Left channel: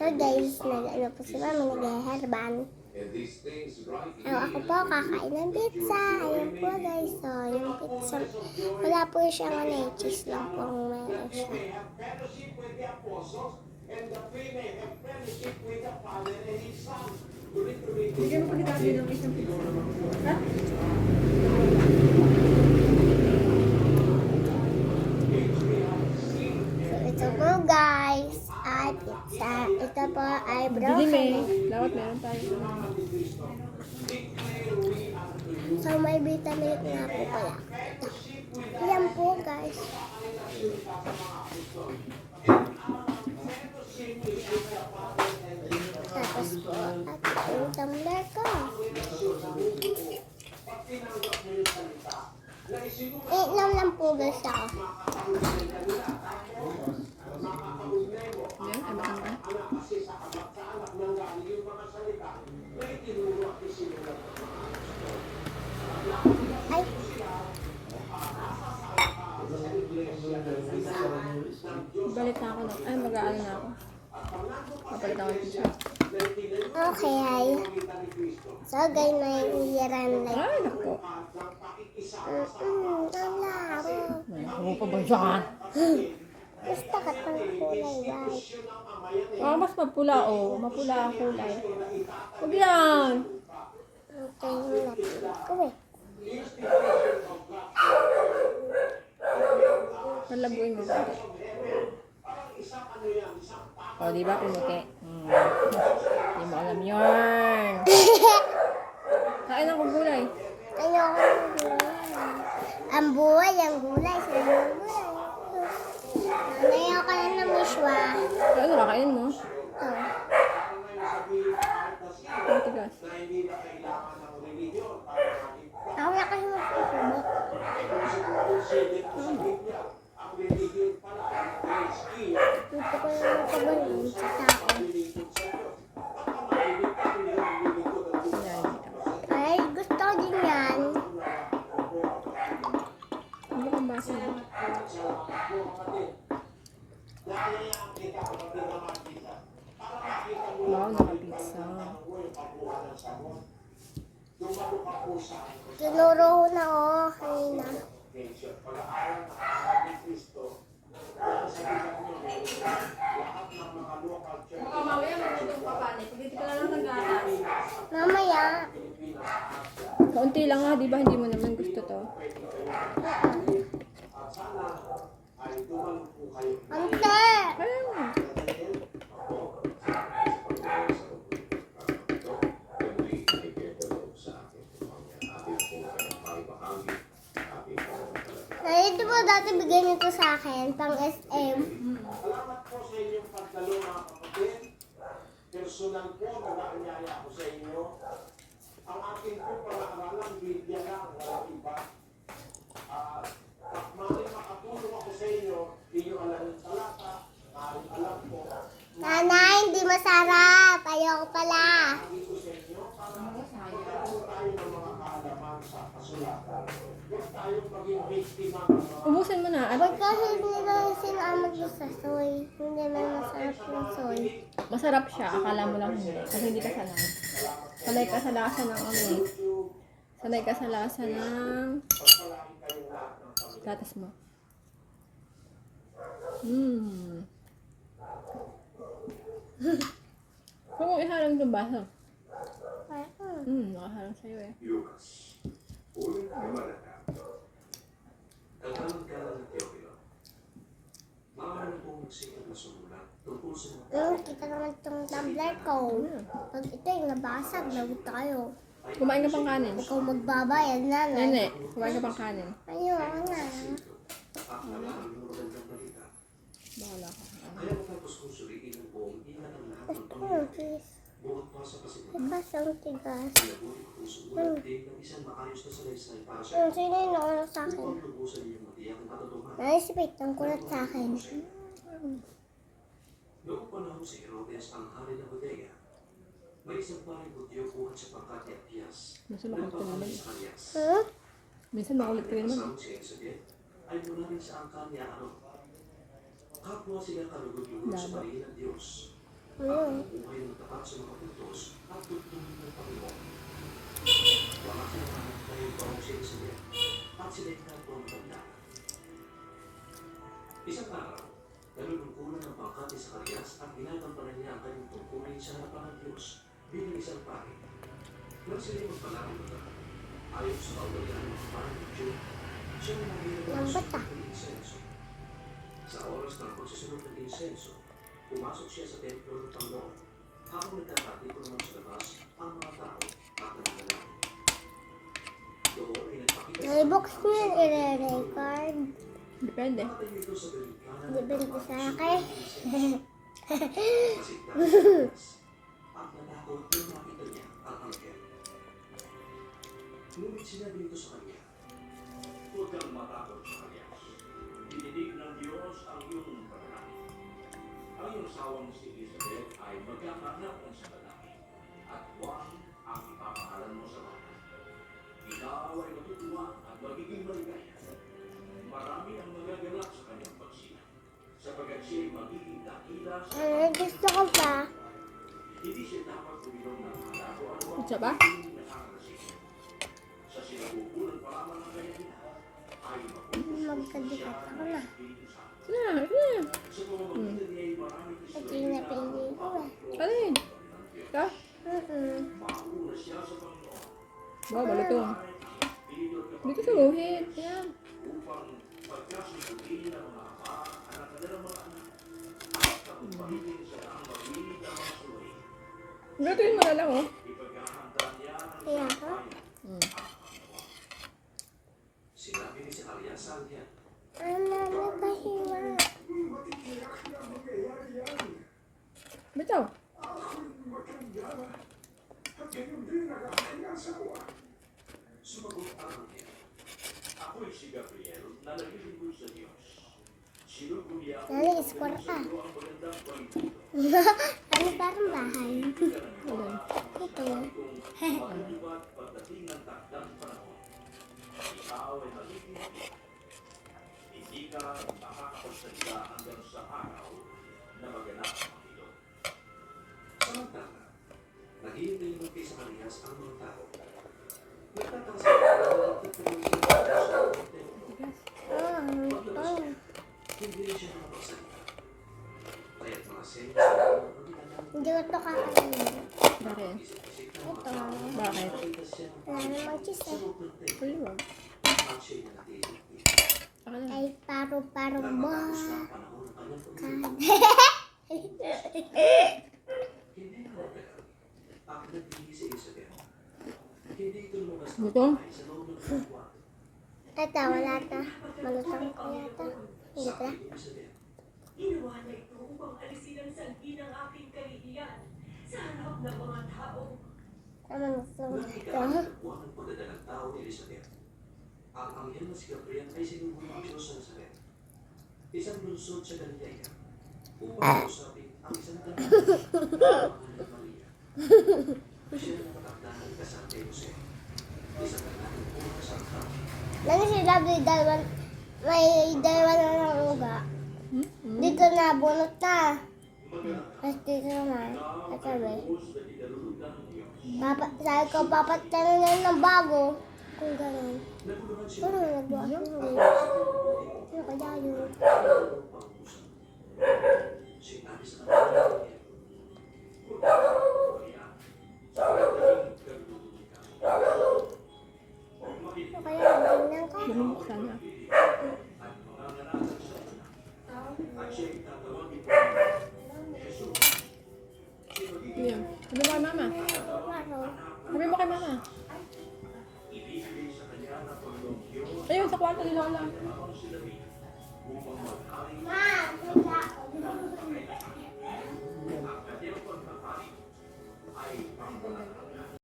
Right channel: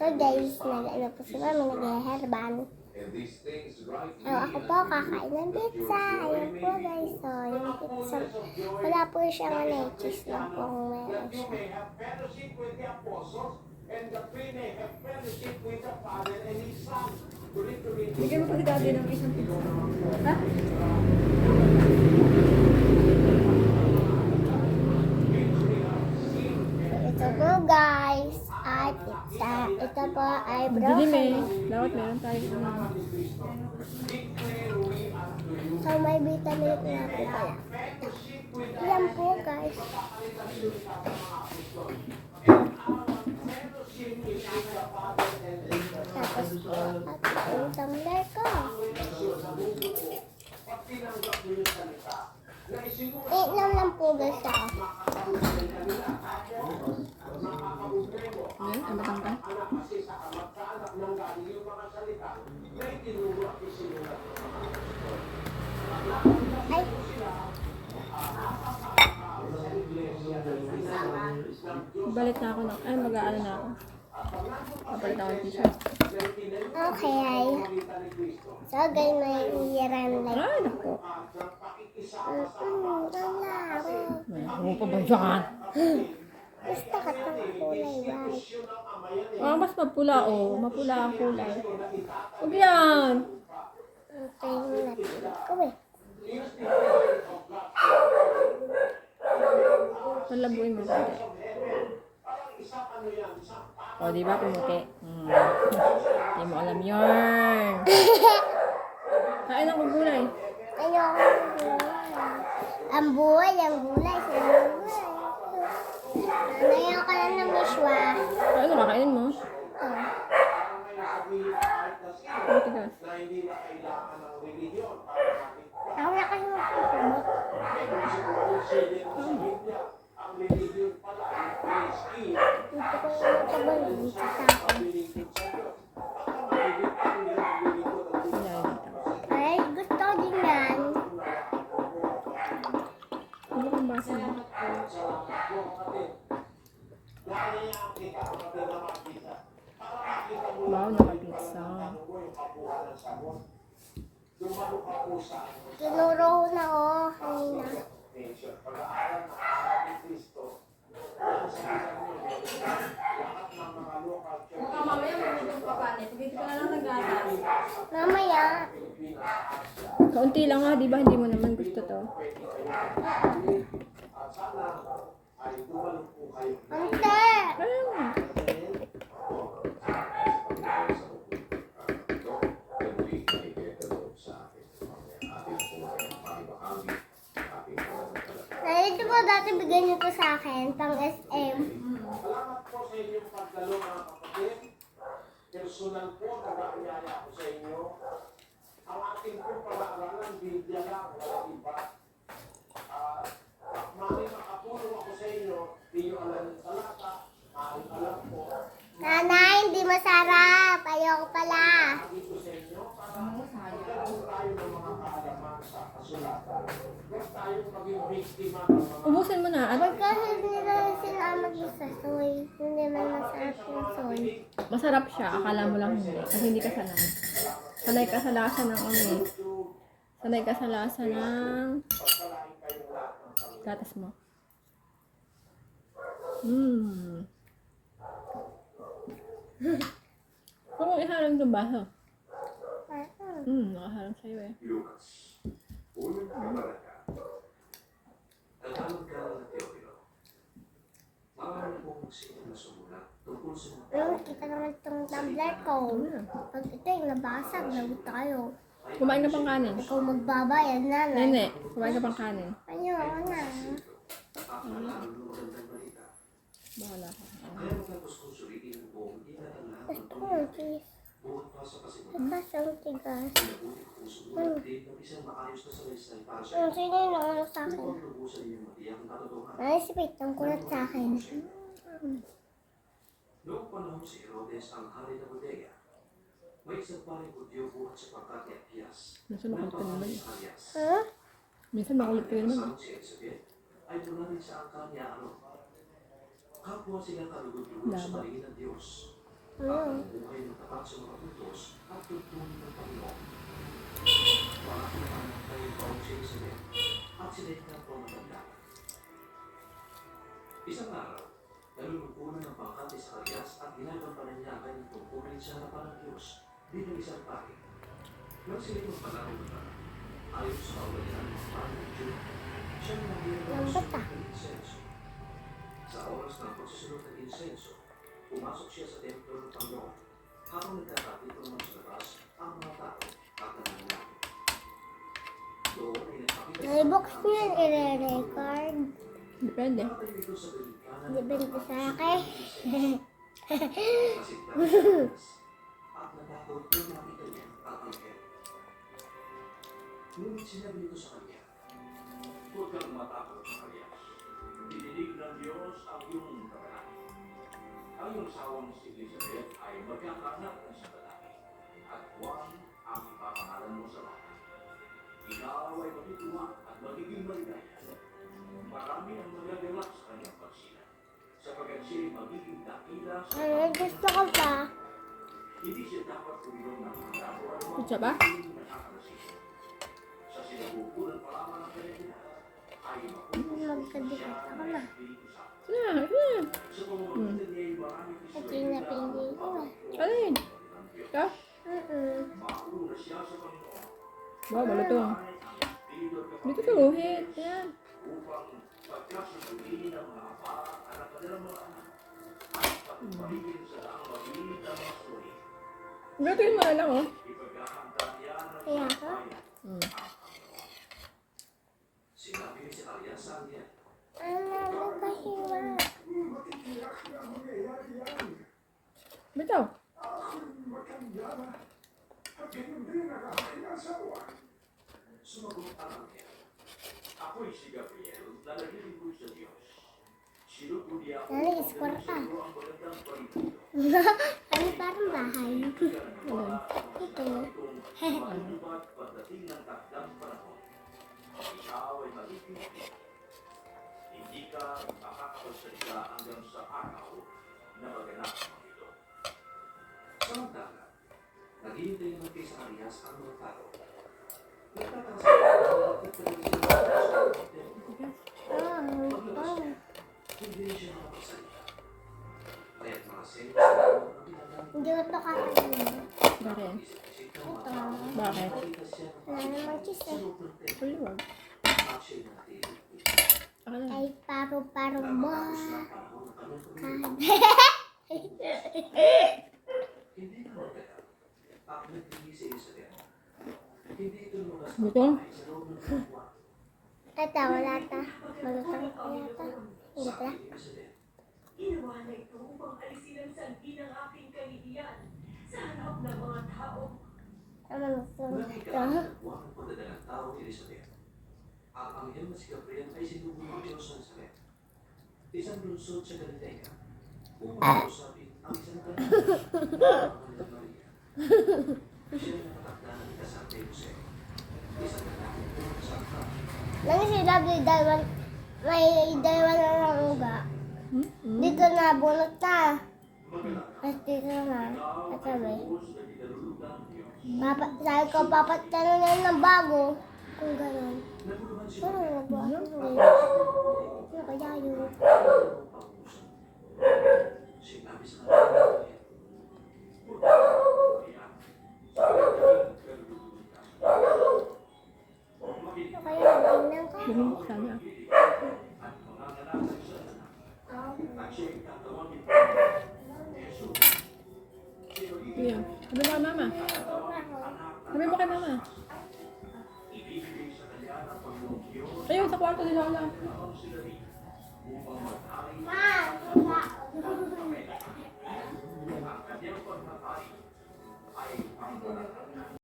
So guys, nag-ano po si Mami, nag-herban. Ako po, kakain ng pizza. Ayun po guys, so yung pizza, wala po siyang cheese lang po mayroon siya. Bigyan mo kita din ng isang pizza. Ha? So ito po guys, ay pizza. Ito po ay Dilim eh. broccoli. Dapat meron tayo. So may vitamin nga po pala. Yan po guys. Tapos po, at yung tumbler ko. Inom lang po guys ako. Yan, ay matangka. Ay, Balik na ako. Ay, mag-aano na ako. Papalit ako ng t-shirt. okay. So guys, may iran like. Ay, naku. Ang laro. Ano pa ba yan? Gusto ka ng kulay white. Mas mapula oh. Mapula ang kulay. Huwag yan. Ito yung napili ko eh. Palabuin mo ba? O, di ba pumuti? Hindi mo alam yun. Kain ako gulay. Ayoko ng gulay. Ang buhay, ang gulay. Sa gulay. Ayoko lang ng miswa. Ano, kakainin mo? Ito. Ang tigas. Ako na kasi magpupumo. Gusto ko yung matabalin sa tao. Kunyari dito. Ay, gusto ko din yan. Ano kang baso mo? Wow, naka-pizza. Tinuro ko na ako kanina. Mamaya magulong pa pa. Pag hindi ka na lang nag-atas. Mamaya, Kaunti lang ha, di ba? Hindi mo naman gusto to. ante! Ayun. Nalito po dati bigyan nito sa akin, pang SM. Salamat po sa inyong pagdalo mga kapatid. Personal po, nag-aanyaya ako sa inyo. Ang akin po pag-aaralan, Biblia lang, wala iba. Mali makatulong ako sa inyo, hindi nyo alam yung talata, alam po. Nanay, hindi masarap. Ayoko pala. Dito sa inyo, para magkaroon tayo ng mga kaalaman sa kasulatan. Huwag tayong maging biktima ng mga Ubusin mo na. At Huwag kasi nila sinama doon sa soy. Hindi man masarap yung soy. masarap siya. Akala mo lang hindi. Kasi hindi ka sanay. Sanay ka sa lasa ng ano eh. Sanay ka sa lasa ng gatas mo. Huwag mong iharang itong baso. Nakaharang sa'yo eh. Kita naman itong tumbler ko. Pag ito yung nabasag, lagot tayo. Kumain ka pang kanin. Ikaw magbabayad na na. Nene, kumain ka pang kanin. Ayoko na. Bahala ka. Gusto ko ng cheese. Tigas ang tigas. Sino yung nauna sa akin? Naisipit ang kulat sa akin. Noong panahon si Herodes ang hari ng Judea, may isang paring Hudyo buhat sa pagkat ni Apias. Minsan makulit ka naman. Huh? Minsan makulit ka naman. Ang si Elizabeth ay mula rin sa angkan ni Aaron. Kapwa sila kalugod-lugod sa Labo. paligid ng Diyos. Ano? buhay ng tapat sa mga utos at tutulong ng Panginoon. Wala ka naman tayo paong si Elizabeth at sinigtan po ang tanda. Isang araw, nalulungkulan ng pangkat ni Zacarias at ginagampanan niya ang kanyang tungkulin sa harapan ng Diyos bilang isang pari. Nang sila magpalaki mga ayon sa kaugalian ng pari ng Diyo, siya ang naging Lambot ng insenso. Sa oras ng pagsusunod ng insenso, pumasok siya sa templo ng Panginoon habang nagtatapito naman sa labas ang mga tao at nananalangin. Doon ay nagpakita sa Naibox mo yun, i-record. Depende. nakatayo ito sa delikana Depende sa akin. at natakot nang makita niya ang anghel. Ngunit sinabi ito sa kanya, huwag kang matakot sa kanya. Dinidig ng Diyos ang iyong panalangin. Ang iyong sawang si Elizabeth ay magkakanak ng sa lalaki at Juan ang ipapangalan mo sa bata. Ikaw ay matutuwa at magiging maligaya. Marami ang magaganap sa kanyang pagsina, sapagkat siya ay magiging dakila sa Gusto ko pa. hindi siya dapat uminom ng alak o ano Kutsa ba? ang nakakalasing. Sa sinabubulan pa lamang ng kanyang ina, ay Magkabigat ako na. Na, na. sa pamamagitan niya ay marami Pati na pinili ko ba? Alin? Ito? mauna siya sa Panginoon Wow, malutong. Dito sa uhit. Yan. upang pagkasusuhin ng mga anak kanilang mga anak at pagpahigin sa ang mabilis ng mga suwi. Lutuin mo na lang, oh. Ipagkakanta niya ng Kaya ako? sinabi ni Zacarias sa kanya, Ano mo pahiwa? Bitaw. sumagot ang anghel. Ako'y si Gabriel na nalilingkod sa Diyos. Sinuguliya ako Nani, score pa. ang magandang pagtuto. Ano parang bahay? Alin? Ito. Kung matutupad pagdating ng takdang panahon, ikaw ay magiging hindi ka makakapagsalita hanggang sa araw na maganap ang ito. Samantala, naghihintay naman kay Zacarias ang mga tao. Nagtataka sila kung bakit kami sila sa templo. Tigas. Oh. Hindi rin siya makapagsalita. Kaya't mga selos na ang ginagawa. Hindi ko ito kakagaling. Ba rin? Isip-isip na Ito. mga tao. Bakit? Nakita siya ng Wala namang cheese sa eh. loob ng templo. Uliwag. At siya'y nanatiling. Ako na. Ay, paru-parong Nang ba? matapos na ang panahon ng kanyang pagkakas, hindi na magkakaroon. Ang nagpili si Elizabeth. Hindi ito lumabas ng Gutom? bahay sa loob ng kwarto. Ito, wala ito. Malutong ko yata. Hindi pala. Sabi ni Elizabeth, Ginawa na ito upang alisin ang sanhi ng aking kahihiyan sa harap ng mga tao. Ano gusto mo? nakikita ang buwan ng pagdadalang tao ni Elizabeth. Ang anghel na si Gabriel ay sinubo ng Diyos sa Nazaret. Isang lungsod sa Galilea. Upang kausapin ang isang tanong ng Maria. Siya ang nakatakda ng ikasal kay Jose. Isang kanaking puro sa altar. Lang sila may dalawa na ng uga. Dito na, bunot na. Tapos dito naman. Ito ba? Sabi ko, papatanunan ng bago. Kung gano'n. Ano nagawa? Ano kaya yun? Sinabi sa kanya, Ano kaya? Tingnan ko. Bumibuksan na. Ito yun. Sabi mo kay mama. Sabi mo kay mama. Ayun, sa kwarto ni Lola.